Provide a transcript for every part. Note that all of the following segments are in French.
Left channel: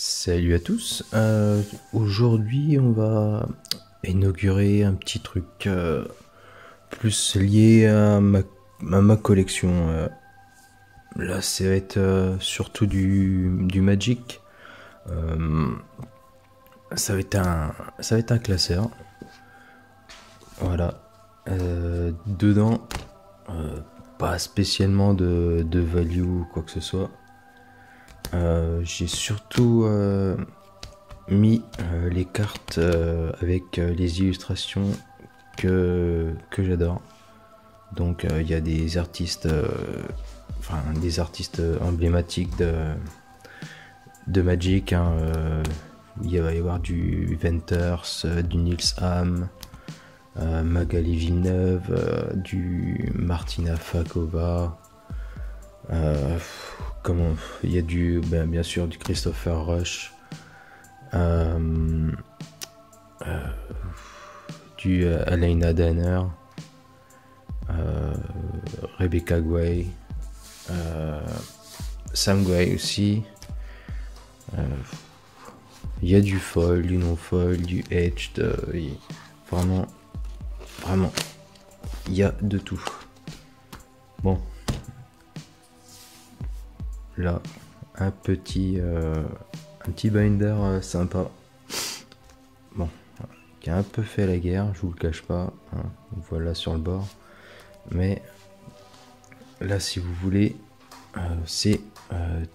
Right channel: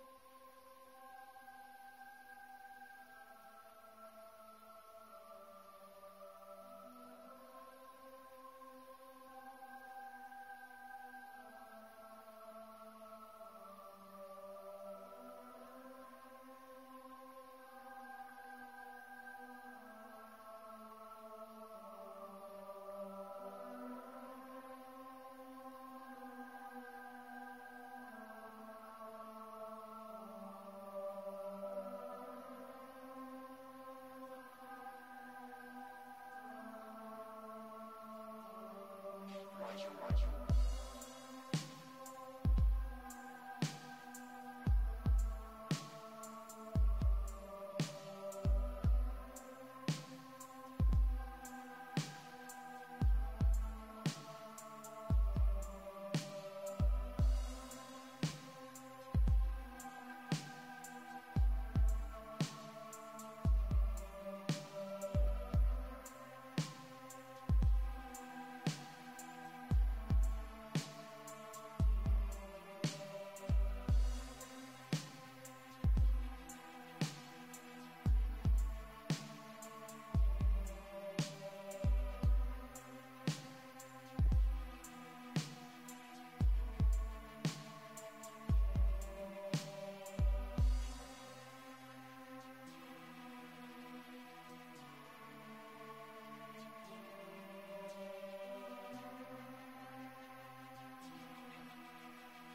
Salut à tous. Aujourd'hui, on va inaugurer un petit truc plus lié à ma collection. Là, ça va être surtout du Magic. Euh, ça va être un classeur. Voilà. Dedans, euh, pas spécialement de value ou quoi que ce soit. J'ai surtout mis les cartes avec les illustrations que j'adore. Donc il y a des artistes, des artistes emblématiques de Magic. Hein, il va y avoir du Venters, du Nils Ham, Magali Villeneuve, du Martina Fakova. Comment il y a bien sûr du Christopher Rush. Euh, du Alaina Danner, Rebecca Guay, Sam Guay aussi. Il y a du foil, du non foil, du edged, vraiment, vraiment, il y a de tout. Bon, là, un petit binder sympa. Bon, qui a un peu fait la guerre, je vous le cache pas. Hein, voilà sur le bord. Mais là, si vous voulez, c'est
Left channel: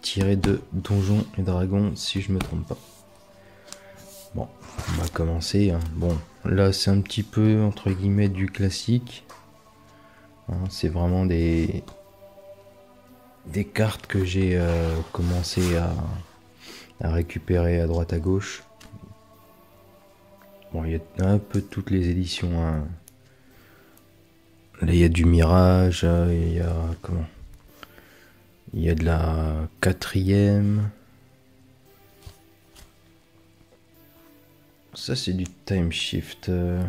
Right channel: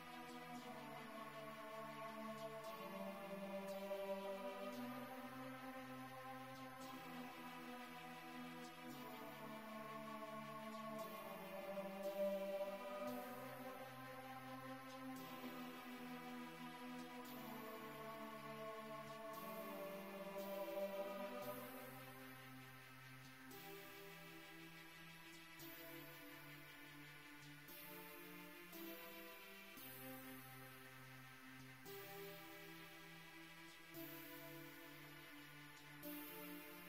tiré de Donjons et Dragons, si je me trompe pas. Bon, on va commencer. Hein. Bon, là, c'est un petit peu entre guillemets du classique. Hein, c'est vraiment des cartes que j'ai commencé à récupérer à droite à gauche. Bon, il y a un peu toutes les éditions. Hein. Là, il y a du Mirage, il y a comment? Il y a de la 4ème. Ça, c'est du Time Shift. De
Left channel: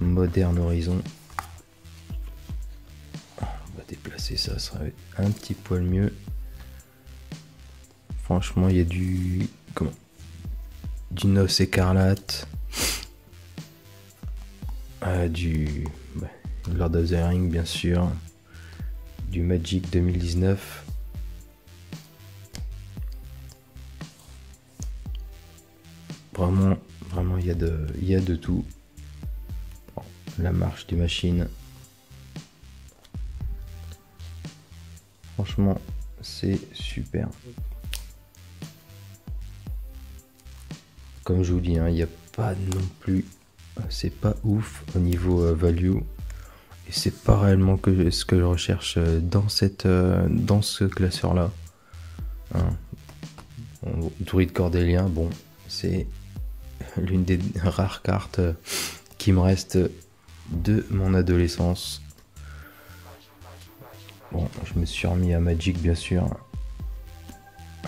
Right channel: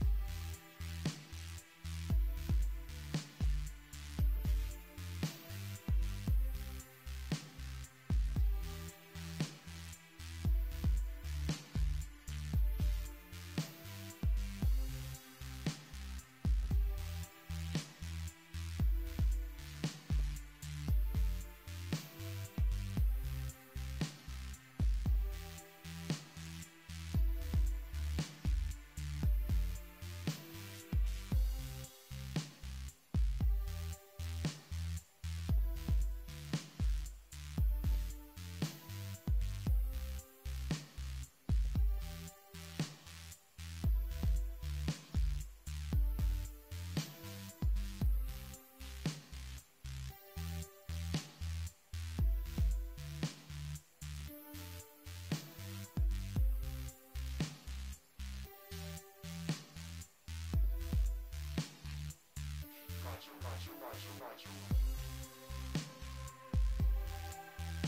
Modern Horizon. On va déplacer ça, ça sera un petit poil mieux. Franchement, il y a du Noce écarlate, du Lord of the Rings bien sûr, du Magic 2019. Vraiment, il y a de tout. Bon, la marche des machines. Franchement, c'est super. Comme je vous dis, hein, il n'y a pas non plus, c'est pas ouf au niveau value, et c'est pas réellement ce que je recherche dans ce classeur là. Hein. Bon, Druide Cordélien, bon, c'est l'une des rares cartes qui me reste de mon adolescence. Bon, je me suis remis à Magic bien sûr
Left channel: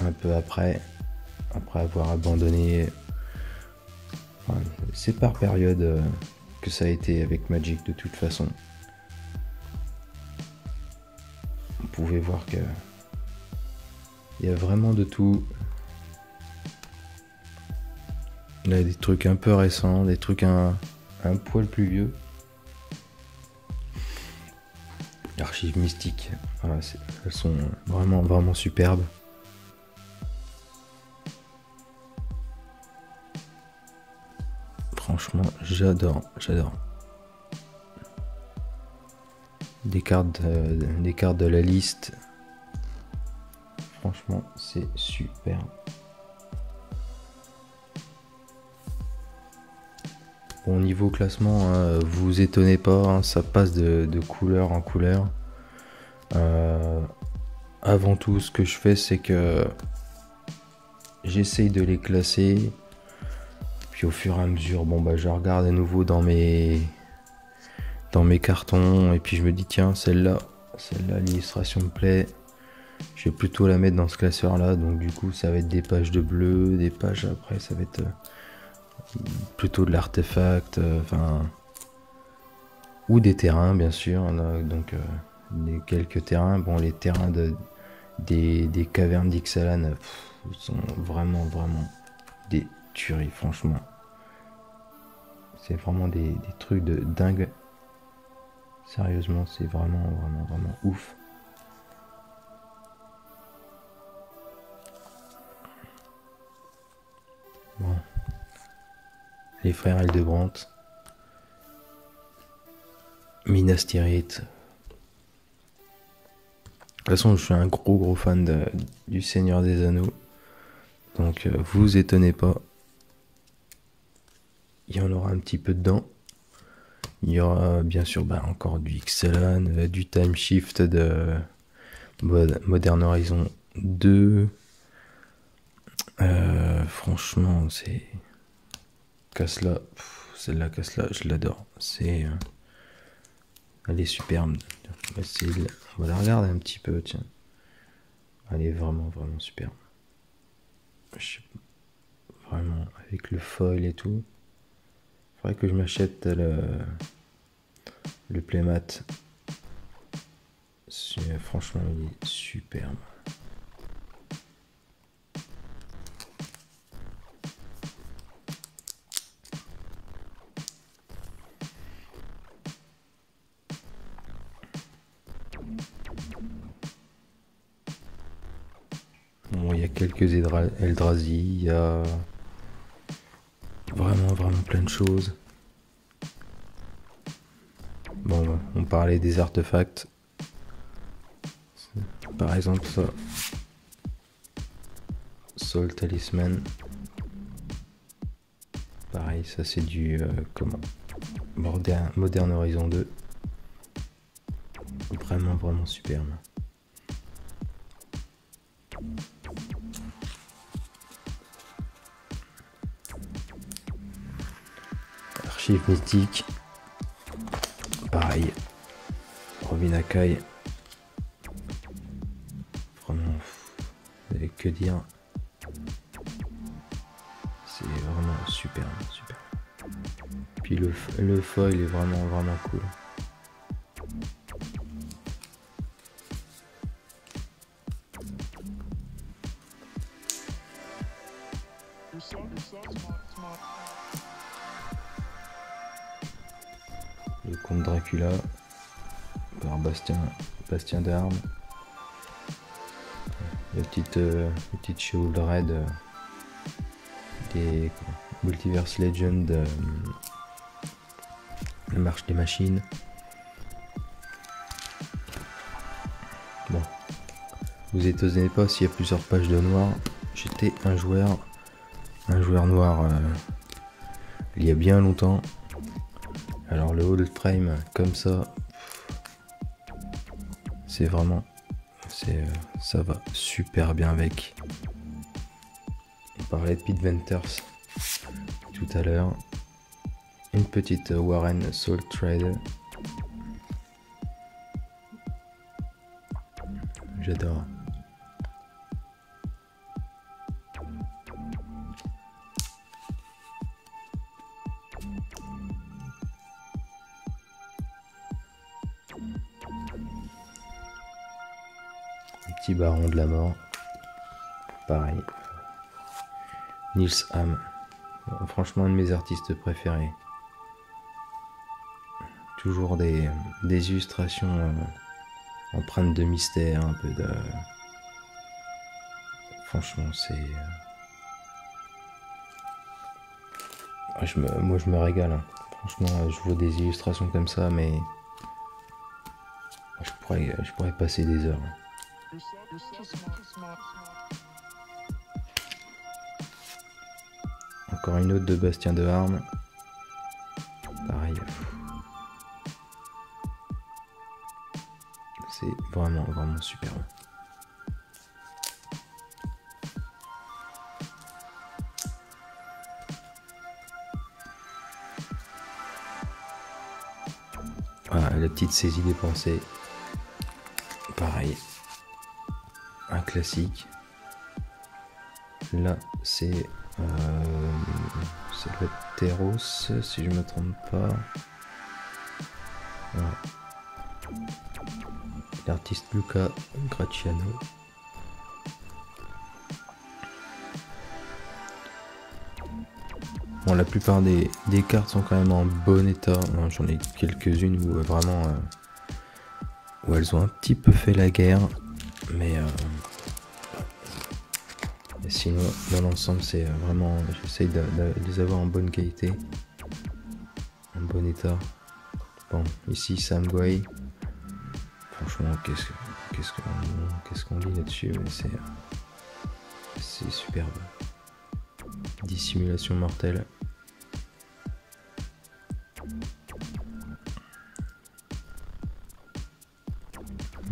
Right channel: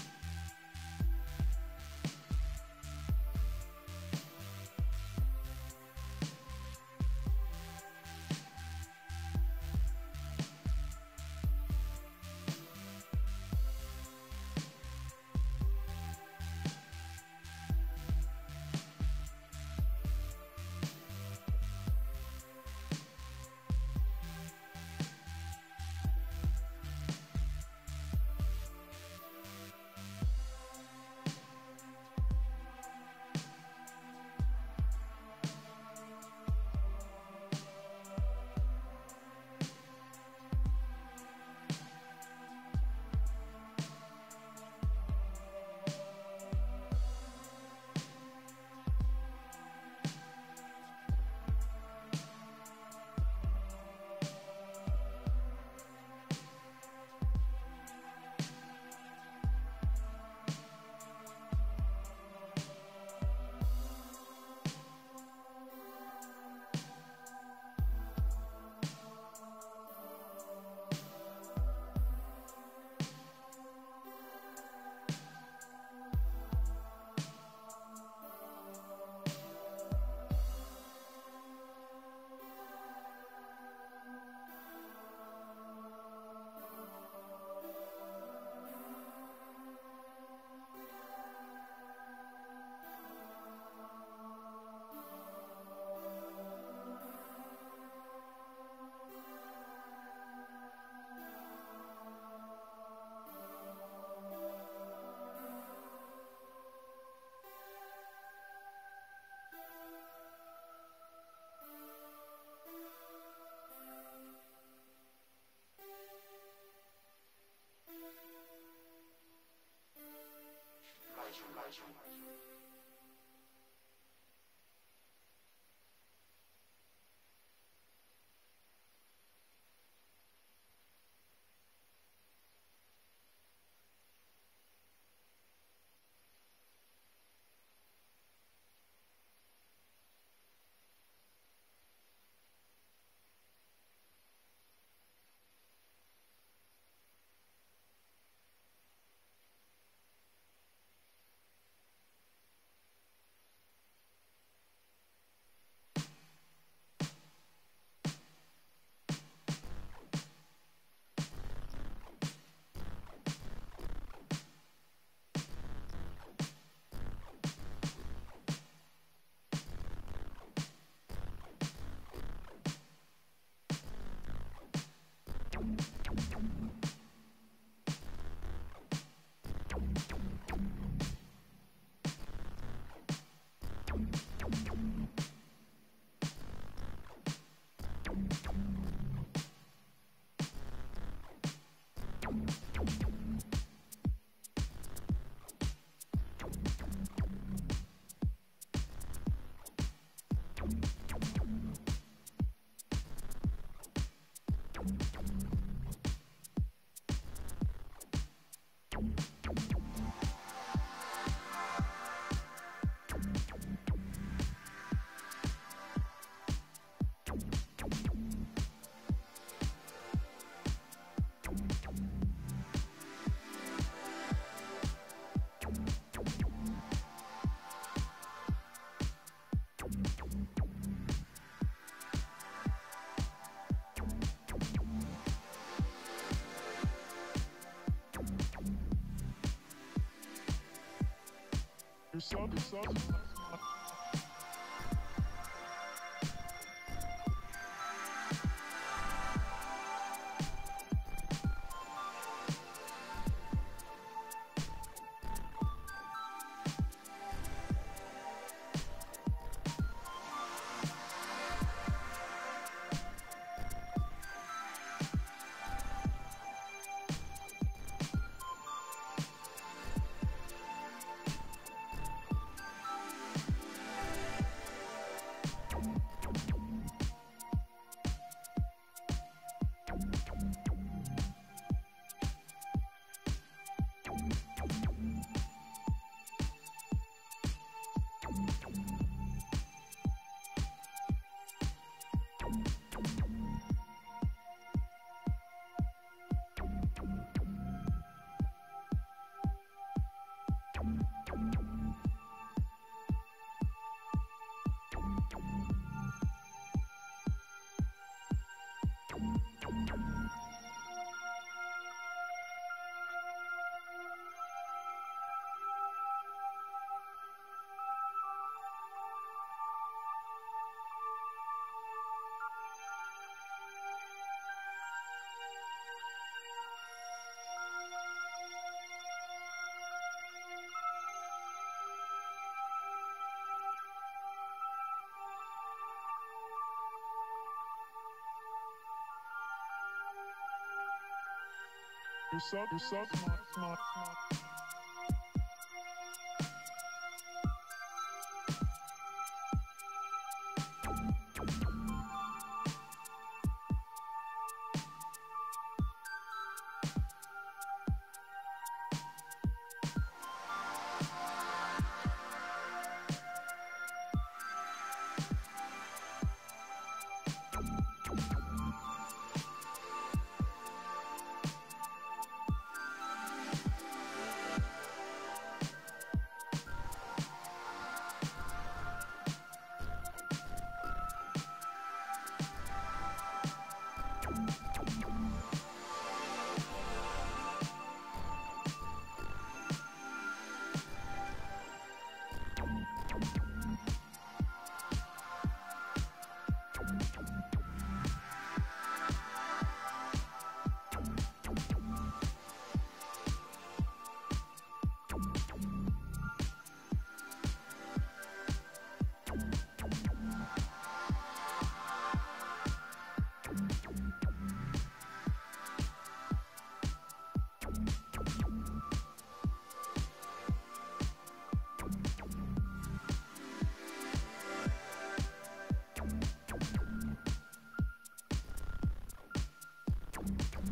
un peu après avoir abandonné. Enfin, c'est par période que ça a été avec Magic de toute façon. Vous pouvez voir que il y a vraiment de tout. Il y a des trucs un peu récents, des trucs un poil plus vieux. Archives mystiques, voilà, elles sont vraiment superbes. Franchement, j'adore. Des cartes de la liste. Franchement, c'est super. Bon, niveau classement, vous étonnez pas, hein, ça passe de couleur en couleur. Avant tout, ce que je fais, c'est que j'essaye de les classer. Puis au fur et à mesure, je regarde à nouveau dans mes cartons. Et puis je me dis, tiens, celle-là, l'illustration me plaît. Je vais plutôt la mettre dans ce classeur-là. Donc du coup, ça va être des pages de bleu, des pages après, ça va être plutôt de l'artefact, ou des terrains bien sûr. Donc quelques terrains. Bon, les terrains des cavernes d'Ixalan sont vraiment des tueries, franchement. C'est vraiment des trucs de dingue. Sérieusement, c'est vraiment ouf. Bon. Les frères Hildebrandt. Minas Tirith. De toute façon, je suis un gros fan du Seigneur des Anneaux. Donc, vous étonnez pas. Il y en aura un petit peu dedans. Il y aura bien sûr encore du Ixalan, du Time Shift de Modern Horizon 2. Franchement, c'est... Casla, celle-là, Casla, je l'adore. Elle est superbe. On va la regarder un petit peu, tiens. Elle est vraiment superbe. Vraiment, avec le foil et tout. Faudrait que je m'achète le playmat. Franchement, il est superbe. Bon, il y a quelques Eldrazi, il y a vraiment plein de choses. Bon, on parlait des artefacts. Par exemple ça. Soul Talisman. Pareil, ça c'est du Modern Horizon 2. Vraiment superbe. Archive mythique. Pareil. Robin Akai. Vraiment, avec que dire. C'est vraiment superbe. Puis le foil est vraiment cool. Le comte Dracula par Bastien d'Armes. La petite Shield Red des Multiverse Legend, la marche des machines. Bon, vous étonnez pas s'il y a plusieurs pages de noir. J'étais un joueur noir il y a bien longtemps. Alors le hold frame comme ça, c'est vraiment, ça va super bien avec. On parlait de Pete Venters tout à l'heure. Une petite Warren Soul Trader. J'adore. Petit baron de la mort. Pareil. Nils Ham. Franchement, un de mes artistes préférés. Toujours des illustrations empreintes de mystère, un peu de... Franchement, c'est... Moi, je me régale. Hein. Franchement, je vois des illustrations comme ça, mais... Je pourrais passer des heures. Encore une autre de Bastien de Harme. Pareil. C'est vraiment super. Voilà, la petite saisie des pensées. Pareil. Un classique. Là, c'est le Teros, si je me trompe pas. Voilà. L'artiste Luca Graciano. Bon, la plupart des cartes sont quand même en bon état. J'en ai quelques-unes où vraiment où elles ont un petit peu fait la guerre, mais sinon dans l'ensemble c'est vraiment, j'essaye de les avoir en bonne qualité, en bon état. Bon, ici Sam Guay, franchement qu'est-ce qu'on dit là-dessus, c'est superbe. Dissimulation mortelle.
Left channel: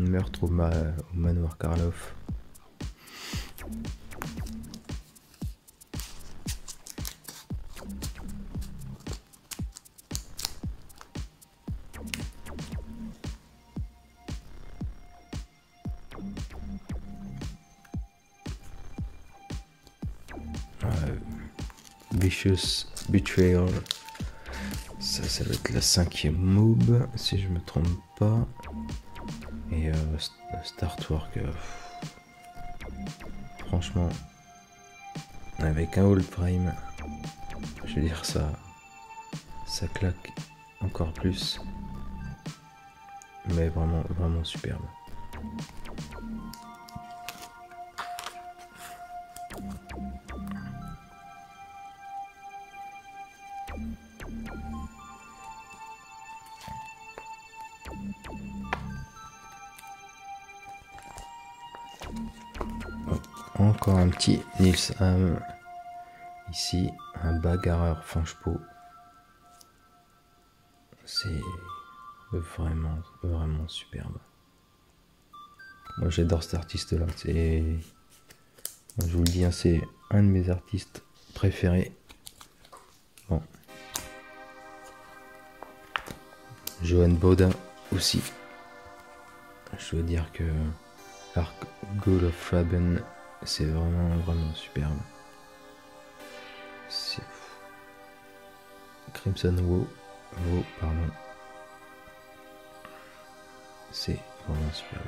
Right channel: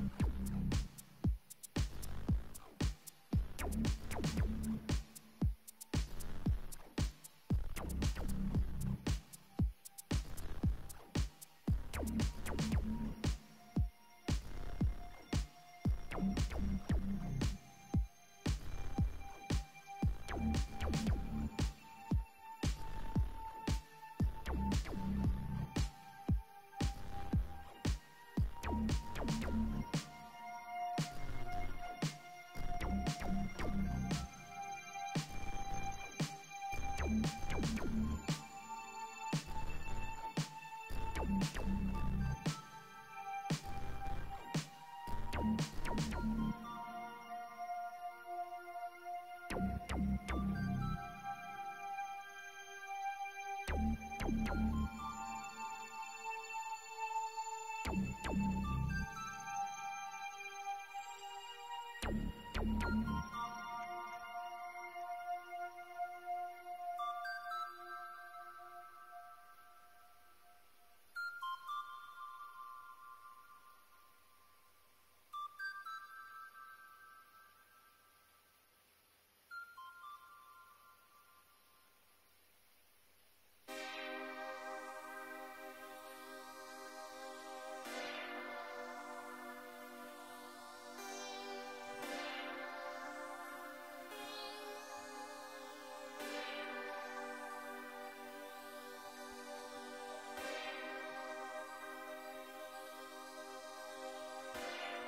Meurtre au manoir Karloff. Vicious Betrayal. Ça va être la 5e mob, si je me trompe pas. Et Startwork, franchement, avec un hold frame, je veux dire ça claque encore plus. Mais vraiment superbe. Encore un petit Nils Ham. Ici, un bagarreur finche-peau. C'est vraiment superbe. Moi j'adore cet artiste là. Je vous le dis, hein, c'est un de mes artistes préférés. Bon. Johan Baudin aussi. Je veux dire que Arc God of Faben, c'est vraiment superbe. C'est Crimson Woe, pardon. C'est vraiment superbe.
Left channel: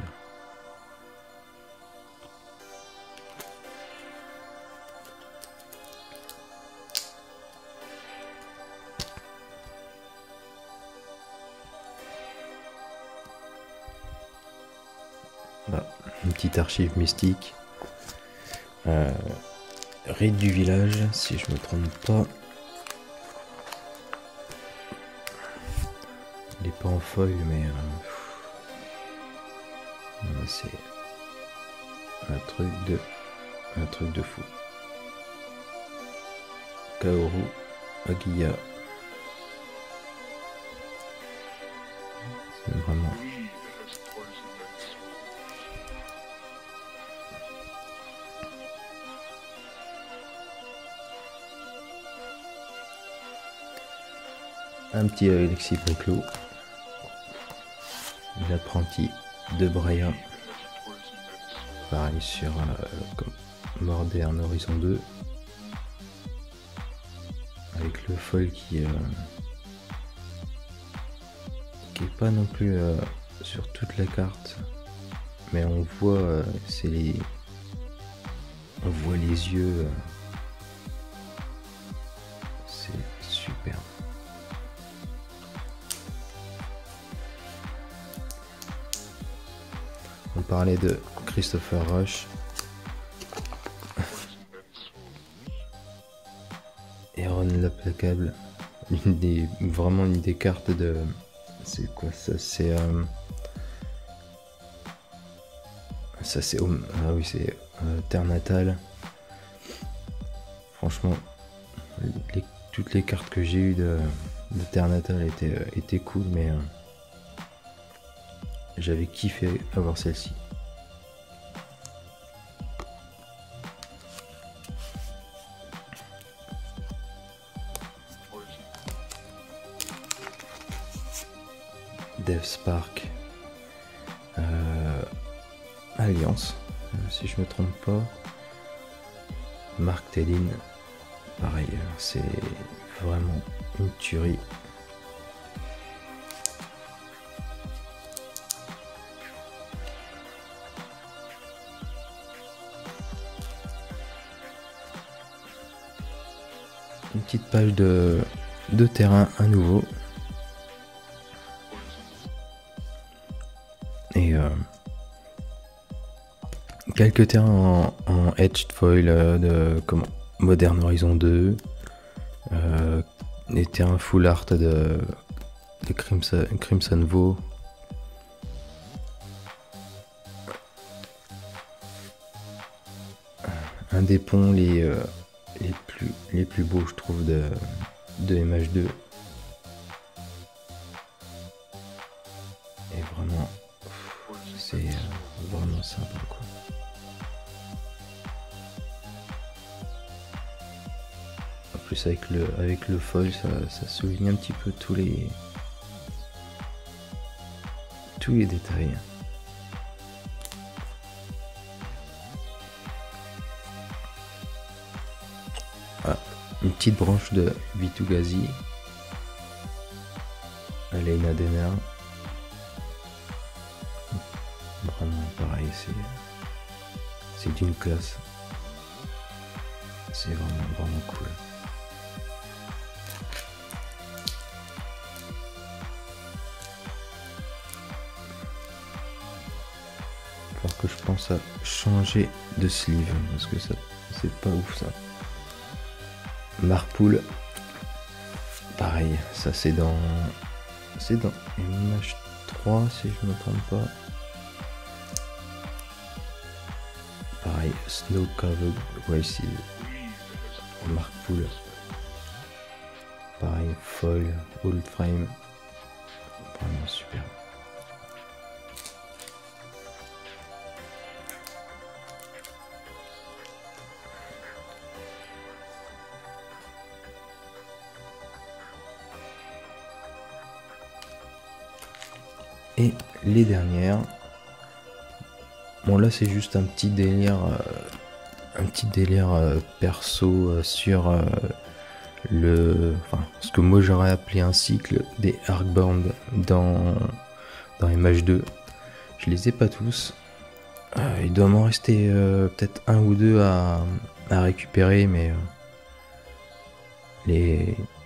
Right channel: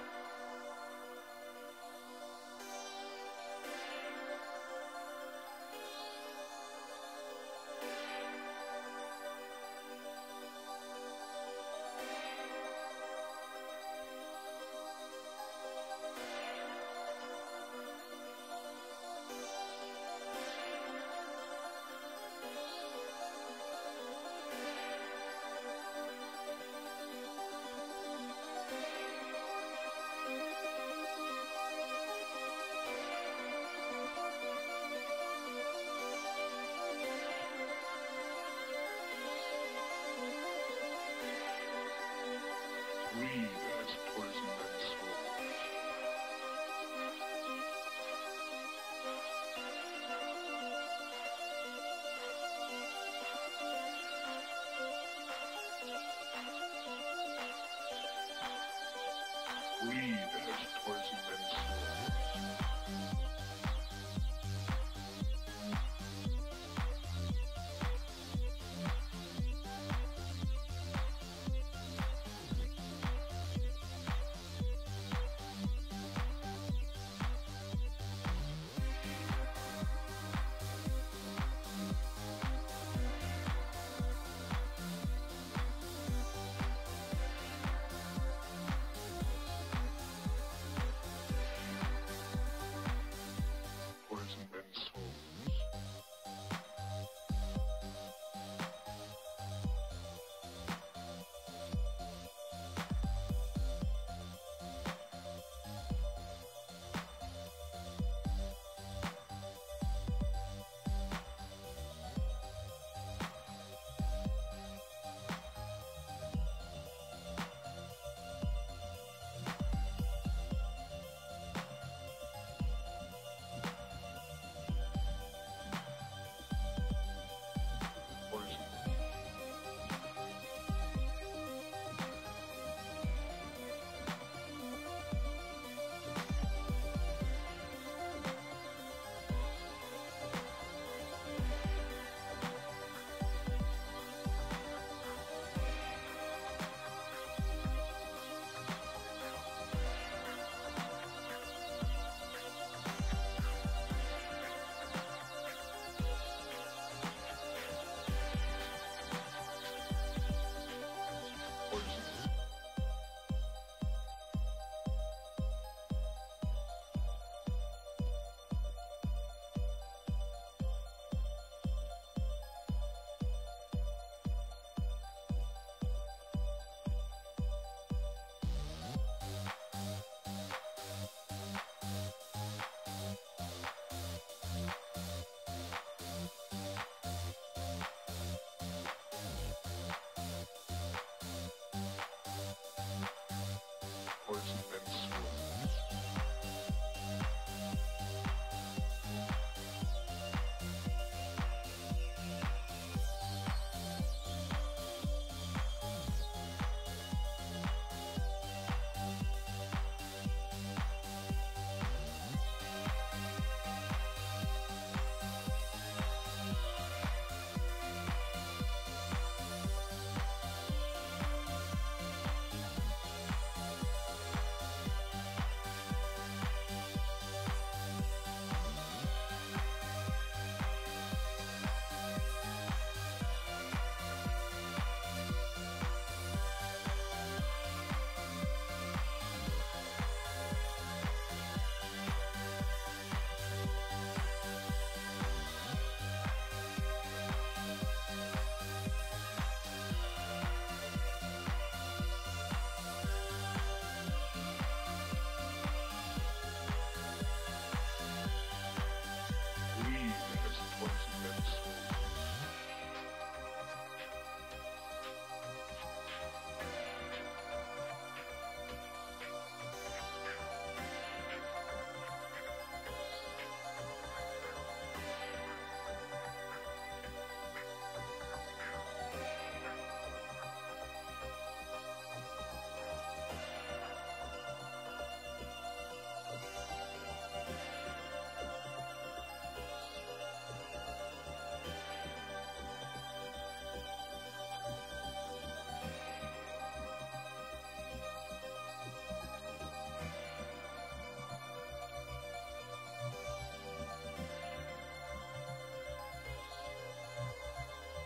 Voilà, une petite archive mystique. Rite du village, si je me trompe pas. Il est pas en feuille, mais c'est un truc de fou. Kaoru Agiya. C'est vraiment. Un petit Alexis Preclou, l'apprenti de Brea, pareil sur Modern Horizon 2, avec le foil qui est pas non plus sur toute la carte, mais on voit les yeux. On parlait de Christopher Rush. Aaron l'implacable. Vraiment une des cartes de. C'est quoi ça? C'est. Ça c'est. Ah oui, c'est Terre Natale. Franchement, toutes les cartes que j'ai eues de Terre Natale étaient cool, mais. J'avais kiffé avoir celle-ci. Dev Spark. Alliance, si je me trompe pas. Mark Tellin. Pareil, c'est vraiment une tuerie. une petite page de terrain à nouveau. Et quelques terrains en etched foil de Modern Horizon 2. Des terrains full art de Crimson Vow. Un des ponts les plus beaux, je trouve, de MH2. Et vraiment, c'est vraiment sympa, quoi. En plus, avec le foil, ça souligne un petit peu tous les détails. Une petite branche de Vitu-Ghazi, Aleyna Demer. Vraiment pareil, c'est d'une classe. C'est vraiment cool. Alors que je pense à changer de sleeve parce que ça c'est pas ouf ça. Marpool, pareil, ça c'est dans image 3 si je ne me trompe pas. Pareil, Snow Covered Races, Marpool. Pareil, foil, old frame, vraiment super. Et les dernières, bon là c'est juste un petit délire perso sur ce que moi j'aurais appelé un cycle des Arcbound dans MH2. Je les ai pas tous. Il doit m'en rester peut-être un ou deux à récupérer, mais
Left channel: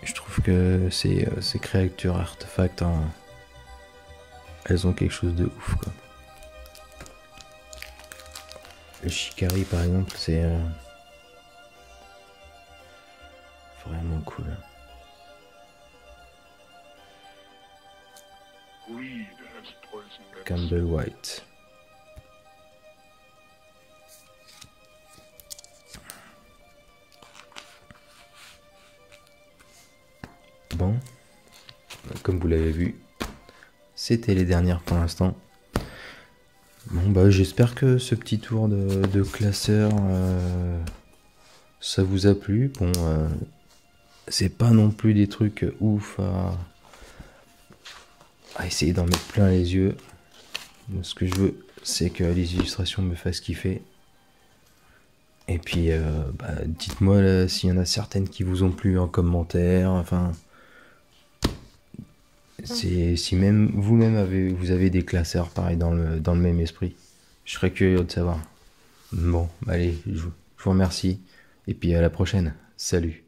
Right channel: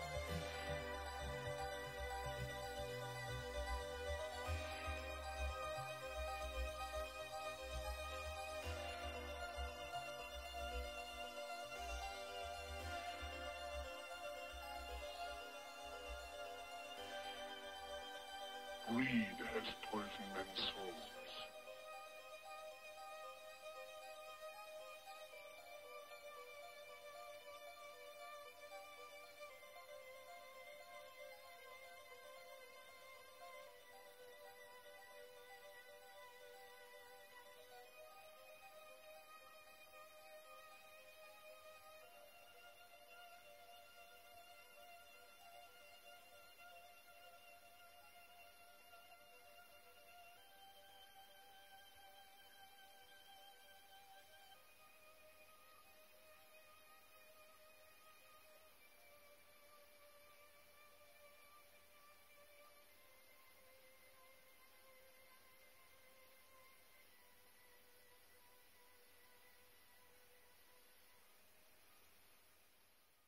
je trouve que ces créatures artefacts, elles ont quelque chose de ouf, quoi. Le Shikari par exemple, c'est vraiment cool. Campbell White. Bon, comme vous l'avez vu, c'était les dernières pour l'instant. Bon bah j'espère que ce petit tour de classeur ça vous a plu. Bon c'est pas non plus des trucs ouf à essayer d'en mettre plein les yeux. Ce que je veux c'est que les illustrations me fassent kiffer. Et puis dites-moi s'il y en a certaines qui vous ont plu en commentaire, enfin si même vous-même vous avez des classeurs pareil dans le même esprit, je serais curieux de savoir. Bon, allez, je vous remercie et puis à la prochaine. Salut.